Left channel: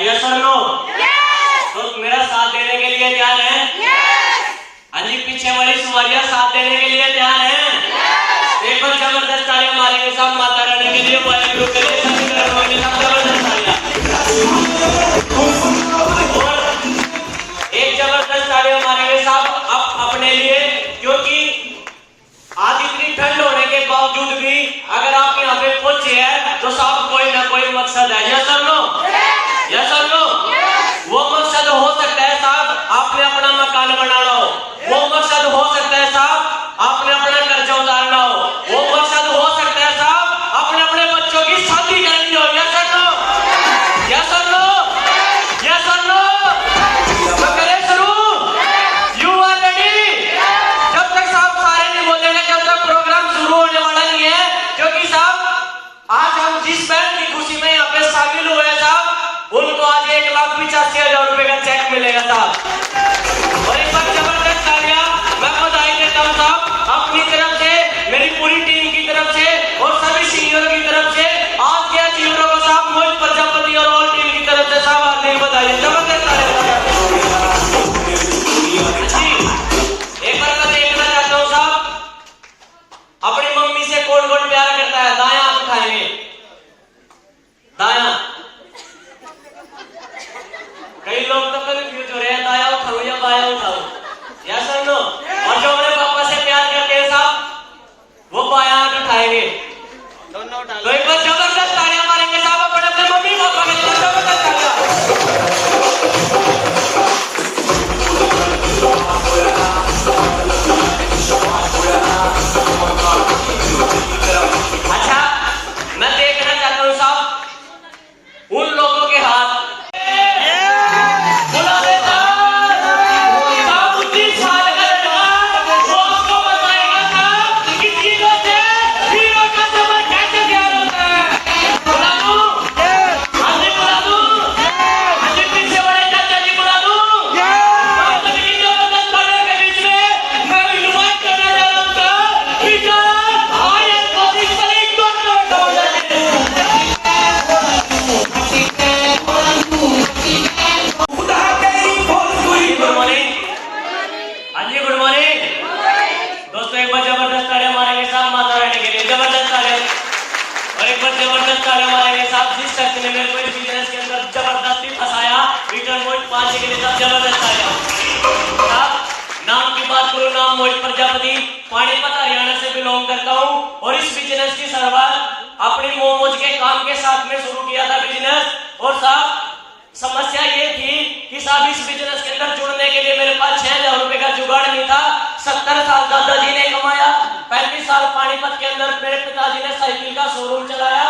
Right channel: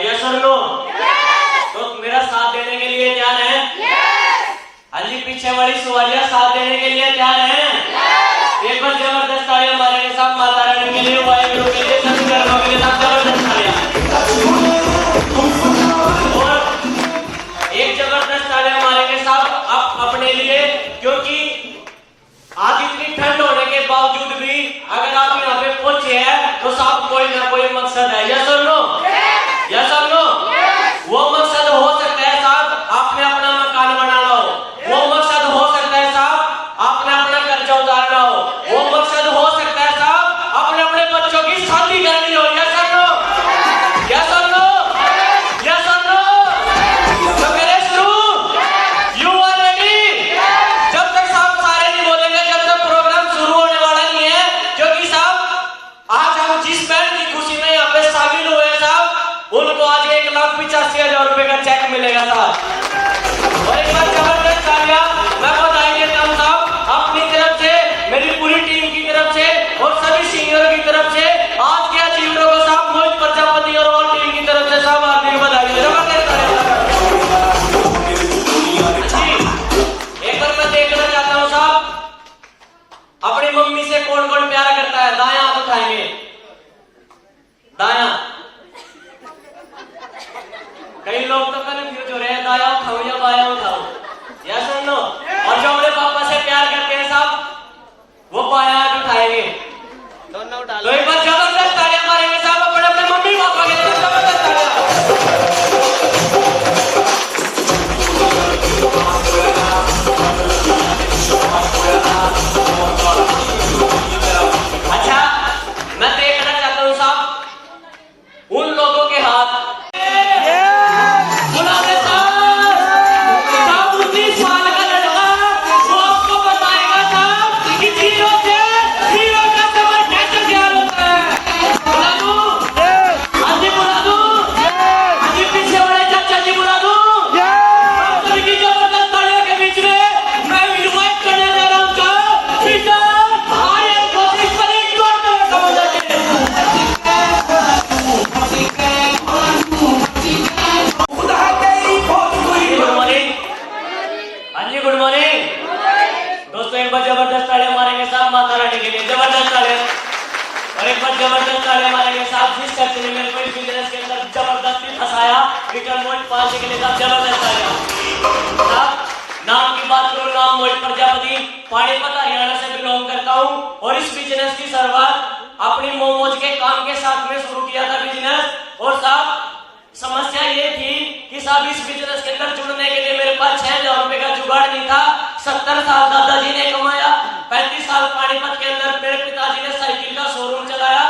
Yes और no? तो मेरा साथ देने के लिए तैयार हैं? हाँ जी, पीछे वाली सवारियां साथ देने के लिए तैयार हैं? एक बार जबरदस्त तालियां मारेंगे साहब माता रानी के लिए, वाहेगुरु के लिए, सभी कर्मों के लिए साहब जबरदस्त तालियां। एक जबरदस्त तालियां मारेंगे साहब अपने लिए, क्योंकि आज इतनी ठंड होने के बावजूद भी अगर आप यहाँ पे पहुंचे हैं तो साहब कोई ना कोई मकसद है। यस और नो? यस और नो? वो मकसद हो सकता है साहब आपने अपना मकान बनाना हो, वो मकसद हो सकता है साहब आपने अपना कर्जा उतारना हो, वो मकसद हो सकता है साहब अपने अपने बच्चों की शादी करनी हो। यस और नो? यस और नो? यस और नो? तो करें शुरू? You are ready? जब तक साहब सारे नहीं बोलेंगे जब तक प्रोग्राम शुरू होने वाला नहीं है, क्योंकि साहब आज हम जिस बैंड की खुशी में यहाँ पे शामिल हुए हैं साहब, उनको आज 1,85,000 रुपए का चेक मिलेगा साहब। और एक बार जबरदस्त तालियां मैं बधाई देता हूं साहब अपनी तरफ से, मेरी पूरी टीम की तरफ से और सभी सीनियरों की तरफ से, आज के अचीवरों को साहब मोहित प्रजापति और ऑल टीम की तरफ से साहब हार्दिक बधाई। जबरदस्त तालियां। एक बार मैं देखना चाहता हूं साहब अपनी मम्मी से कौन कौन प्यार करता है, दाएं हाथ उठाएंगे, दायां। कई लोग तो कंफ्यूज हो रहे हैं दायां उठाओ या बायां उठाओ। यस और नो? और जो अपने पापा से प्यार करते हैं साहब वो बायां हाथ उठाएंगे, दोनों उठा। तो एक बार जबरदस्त तालियां मारेंगे साहब अपने अपने मम्मी पापा के लिए, जबरदस्त तालियां। अच्छा, मैं देखना चाहता हूँ साहब उन लोगों के हाथ जबरदस्त तालियां मारेंगे साहब जिस शख्स ने मेरे को इस बिजनेस के अंदर जबरदस्ती फंसाया, रिटर्न मोहित 5 के लिए साहब जबरदस्त तालियां। साहब नाम की बात करो, नाम मोहित प्रजापति, पानीपत हरियाणा से बिलोंग करता हूं और इस बिजनेस की शुरुआत अपनी मोमोज के काम के साथ में शुरू किया था बिजनेस। और साहब समस्या ये थी कि साहब इस बिजनेस के अंदर जुड़ने के लिए मेरे पास 6,000 रुपए का जुगाड़ नहीं था। 70 साल दादाजी ने कमाया, 35 साल पानीपत के अंदर मेरे पिताजी ने साइकिल का शोरूम चलाया,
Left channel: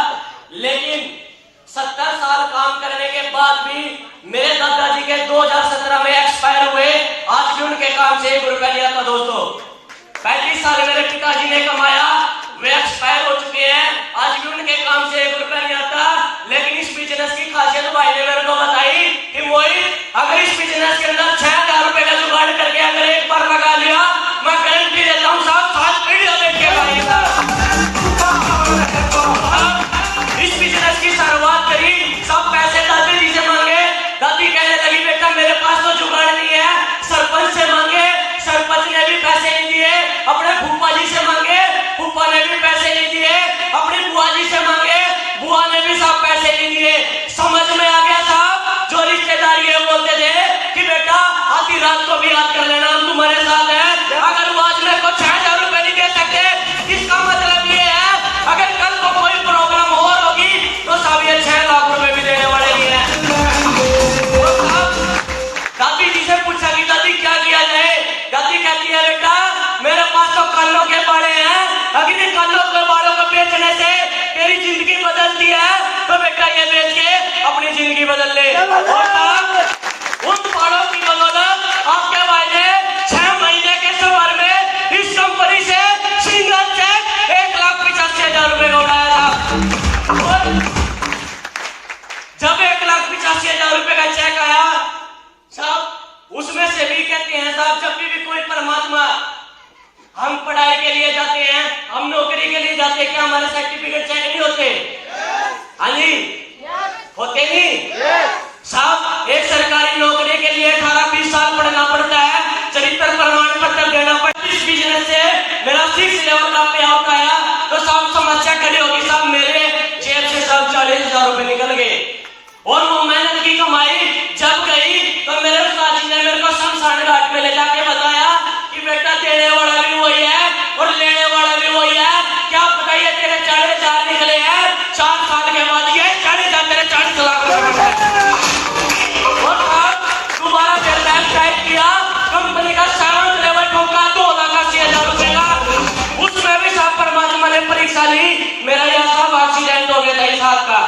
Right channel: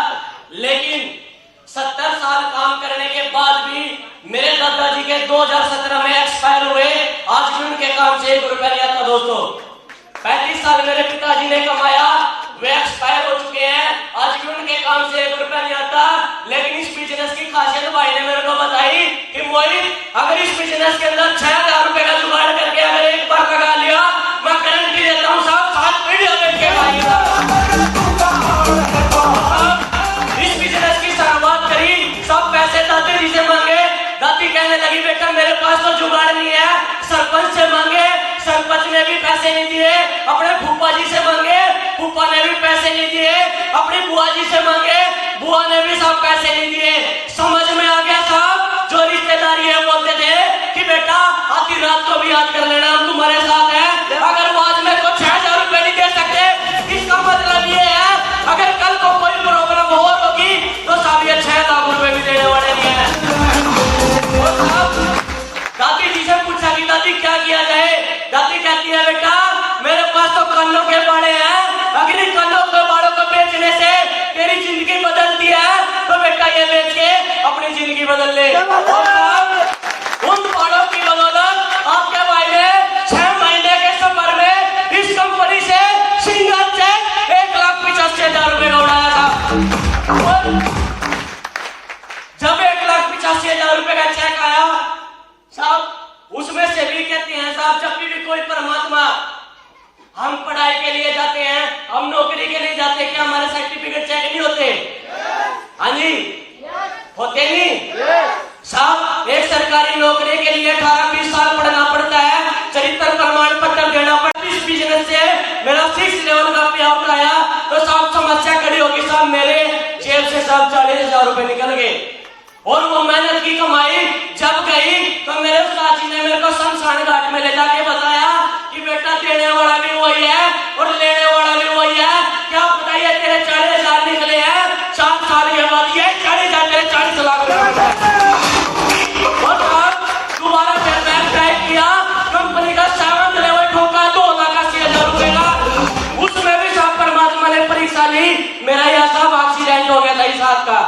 लेकिन 70 साल काम करने के बाद भी मेरे दादाजी के 2017 में एक्सपायर हुए। आज भी उनके काम से 1 रुपया नहीं आता दोस्तों। 35 साल मेरे पिताजी ने कमाया, वे एक्सपायर हो चुके हैं, आज भी उनके काम से 1 रुपया नहीं आता। लेकिन इस बिजनेस की खासियत भाई ने मेरे को बताई कि मोहित अगर इस बिजनेस के अंदर 6,000 रुपए का जुगाड़ करके अगर एक बार लगा लिया, मैं गारंटी देता हूँ साहब 7 पीढ़ियों तक के भाई। इस बिजनेस की शुरुआत करी, सब पैसे दादी जी से मांगे, दादी कहने लगी बेटा मेरे पास तो जुगाड़ नहीं है, सरपंच से मांगे, सरपंच ने भी पैसे नहीं दिए, अपने फूफा जी से मांगे, फूफा ने भी पैसे नहीं दिए, अपनी बुआ जी से मांगे, बुआ ने भी सब पैसे नहीं दिए। समझ में आ गया साहब, जो रिश्तेदार ये बोलते थे कि बेटा आधी रात को भी याद कर लेना हम तुम्हारे साथ हैं, अगर वो आज मेरे को 6,000 रुपए नहीं दे सकते, इसका मतलब ये है अगर कल को कोई प्रॉब्लम हो होगी तो साहब ये 6 लाख रुपए भी देने वाले नहीं है। दादी जी से पूछा कि दादी क्या किया जाए, दादी कहती है बेटा मेरे पास तो कानों के बाड़े हैं, अगर इन कानों के बाड़ों को बेचने से तेरी जिंदगी बदलती है तो बेटा ये बेच के अपनी जिंदगी बदल ले। और साहब उन बाड़ों की बदौलत आपके भाई ने 6 महीने के सफर में इस कंपनी से सिंगल चेक 1,85,000 रुपए का उड़ाया था। जब 1,85,000 रुपए का चेक आया साहब, उसमें से भी कहते हैं साहब जब भी कोई परमात्मा, हम पढ़ाई के लिए जाते हैं, हम नौकरी के लिए जाते हैं, क्या हमारे सर्टिफिकेट चेक नहीं होते? हाँ जी होते नहीं साहब। सरकारी नौकरी के लिए 18-20 साल पढ़ना पड़ता है, चरित्र प्रमाण पत्र देना पड़ता है। इस बिजनेस से मेरा 6 लेवल का पे आउट आया तो साहब समस्या खड़ी होगी, साहब मेरे जेब से साहब 40,000 रुपए निकल गए और वो मेहनत की कमाई जब गई तो मेरे उस्ताद जी ने मेरे को शमशान घाट में ले जाके बताया कि बेटा देने वाला भी वही है और लेने वाला भी वही है। क्या बताइए तेरे 40,000 निकले हैं, 7 साल के बाद ये 40,000 तेरे 40 लाख रुपए और साहब दोबारा फिर बैंक टाइप किया, कंपनी का 7 लेवल ठोका 2,80,000 रुपए का, उसमें भी साहब परमात्मा ने परीक्षा ली। मेरा यह साहब एक्सीडेंट हो गया था इस हाथ का,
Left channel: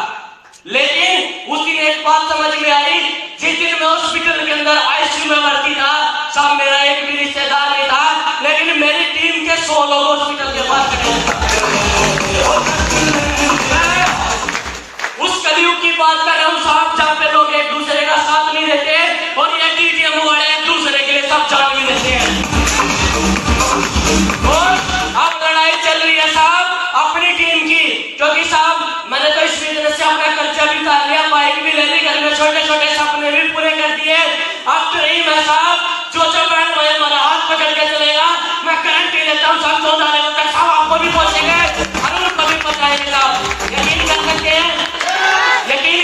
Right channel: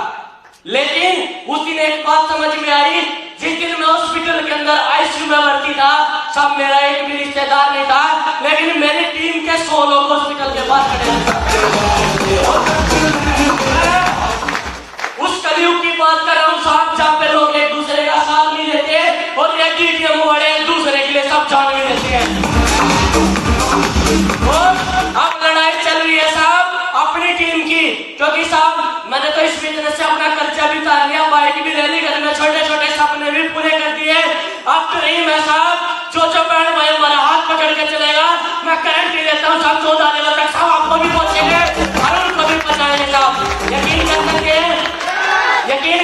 लेकिन उस दिन एक बात समझ में आई, जिस दिन मैं हॉस्पिटल के अंदर आईसीयू में भर्ती था, सब मेरा एक भी रिश्तेदार नहीं था, लेकिन मेरी टीम के 100 लोग हॉस्पिटल के पास खड़े थे। उस कलयुग की बात कर रहा हूं साहब, जहां पे लोग एक दूसरे का साथ नहीं देते और ये डीटीएम वाले एक दूसरे के लिए सब जान भी देते हैं। और अब लड़ाई चल रही है साहब अपनी टीम की, क्योंकि साहब मैंने तो इस बिजनेस से अपना खर्चा भी कर लिया, बाइक भी ले ली, घर में छोटे छोटे सपने भी पूरे कर दिए। अब तो नहीं मैं साहब